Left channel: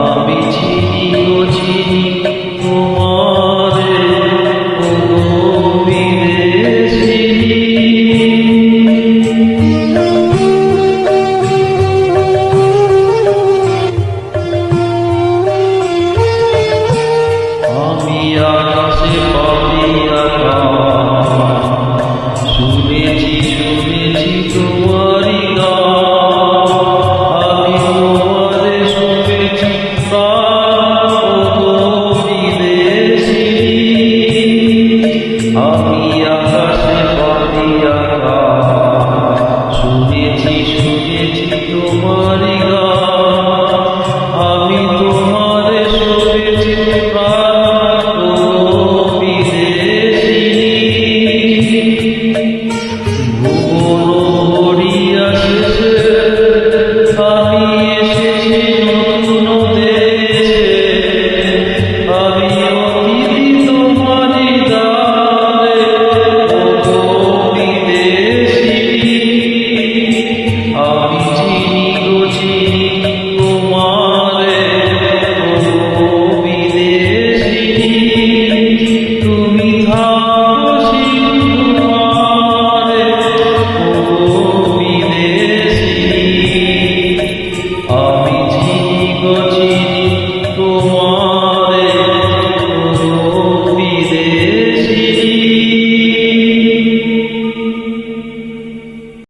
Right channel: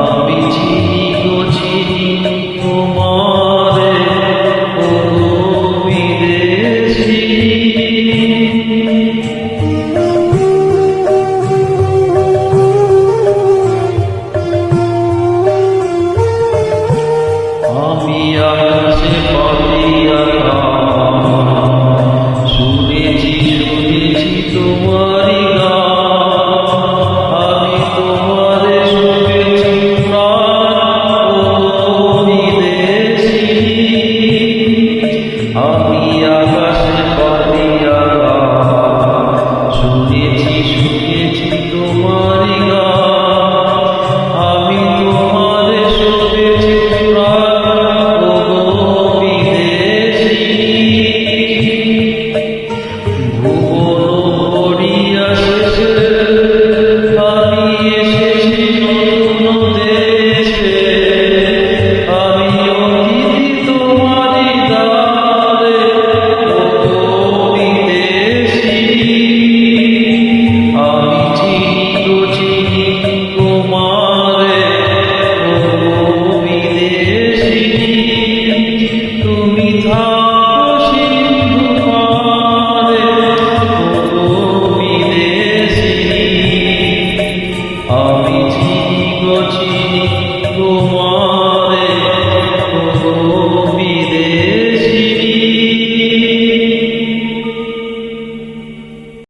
আমি চিনি গো চিনি তোমারে ও গো বিদেশিনী। আমি আকাশে পাখি আকাশ শুনেছি শুনেছি তোমারি গান। আমি তোমারে শুনেছি প্রাণ ও গো বিদেশিনী। আমি আকাশে পাখি আকাশ শুনেছি শুনেছি তোমারি গান। আমি তোমারে শুনেছি প্রাণ ও গো বিদেশিনী। ভুবন ভরিয়া শেষে আমি এসেছি নতুন দেশে। আমি অতিথি তোমারি দ্বারে ও গো বিদেশিনী। আমি চিনি